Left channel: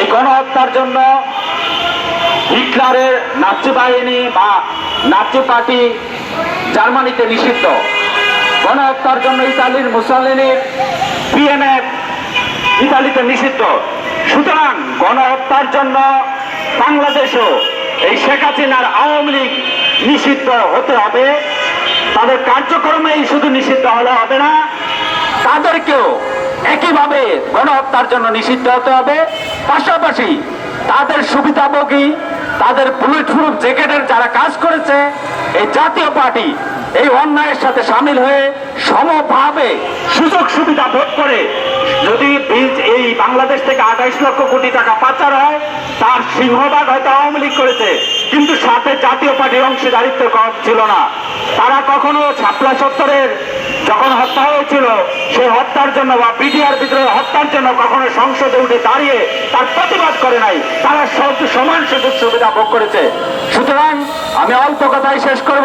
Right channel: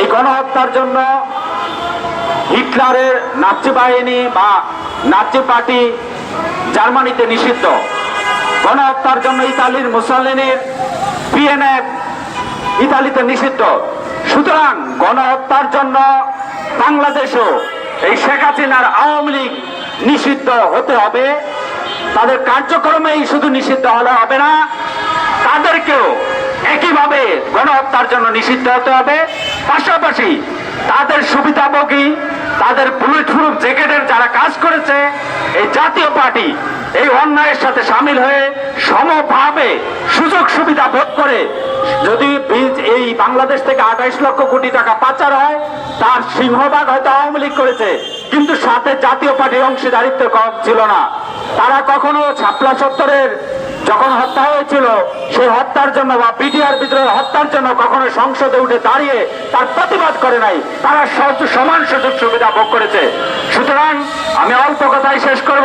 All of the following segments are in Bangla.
এই গণহত্যার জন্য হিটলারের নাচি বাহিনী বা নাচি পার্টি জার্মানিতে নিষিদ্ধ। গণহত্যার জন্য ইতালির মুসলিনের পিএনএফ ইতালিতে নিষিদ্ধ। সুতরাং গণহত্যার জন্য বাংলাদেশও এই শেখ হাসিনার আওয়ামী লীগ নিষিদ্ধ হতে হবে। তাদের কার্যক্রমেই শুধু নিষিদ্ধ হলে হবে না, তাদেরকেও একইভাবে গণহত্যার জন্য নিষিদ্ধ হতে হবে। পাশাপাশি তাদের সুবিধাভোগী, তাদের বুলেট প্রুফ জ্যাকেটের যারা কাজ করেছে, এই জাতীয় পার্টি এই অন্যায়ের সাথে সামিল হয়ে সমভাবে সুযোগ সুবিধা ভোগ করে, যদি এই বাংলাদেশ থেকে আঠাইশ লক্ষ কোটি টাকা পাচার হয়, তার সিংহভাগ হয়তো আওয়ামী লীগ করেছে। কিন্তু সাথে জাতীয় পার্টির অংশীদারিত্ব কম ছিল না। তারা কখনো ছাপলা সত্তরের যখন হত্যা হয়েছিল, সেই হত্যার জন্য বা বিডিআর বিদ্রোহের হত্যার জন্য কখনো সংসদে উঠে দাঁড়িয়ে তার প্রতিবাদ করে নাই। তারা সহজ- সমান সুযোগ সুবিধা ভোগ করেছে। সুতরাং আমি অল্প কথাই শেষ করব।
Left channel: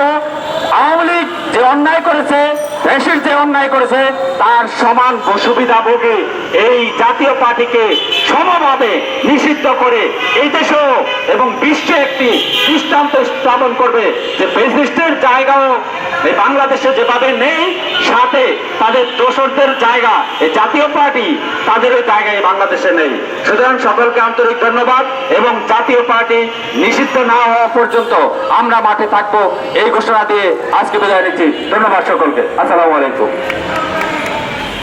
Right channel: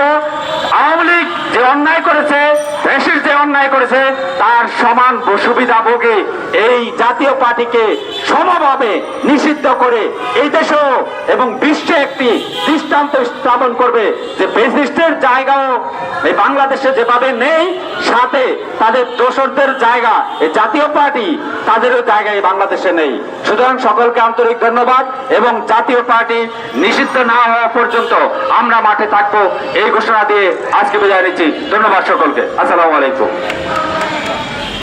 আওয়ামী লীগ যে অন্যায় করেছে, দেশের যে অন্যায় করেছে, তার সমান সুবিধা ভোগে এই জাতীয় পার্টিকে সমভাবে নিষিদ্ধ করে এই দেশেও এবং বিশ্বে একটি দৃষ্টান্ত স্থাপন করবে যে ফেসিস্টের জায়গাও এই বাংলাদেশে যেভাবে নেই, সাথে তাদের দোষকদের জায়গা, এই জাতীয় পার্টি তাদের ওই জায়গায় বাংলাদেশে নেই। সুতরাং সকলকে আন্তরিক ধন্যবাদ এবং জাতীয় পার্টি নিষিদ্ধ না হওয়া পর্যন্ত আমরা মাঠে থাকব। এই ঘোষণা দিয়ে আজকে বিদায় নিচ্ছি। ধন্যবাদ সকলকে। আসসালামু আলাইকুম।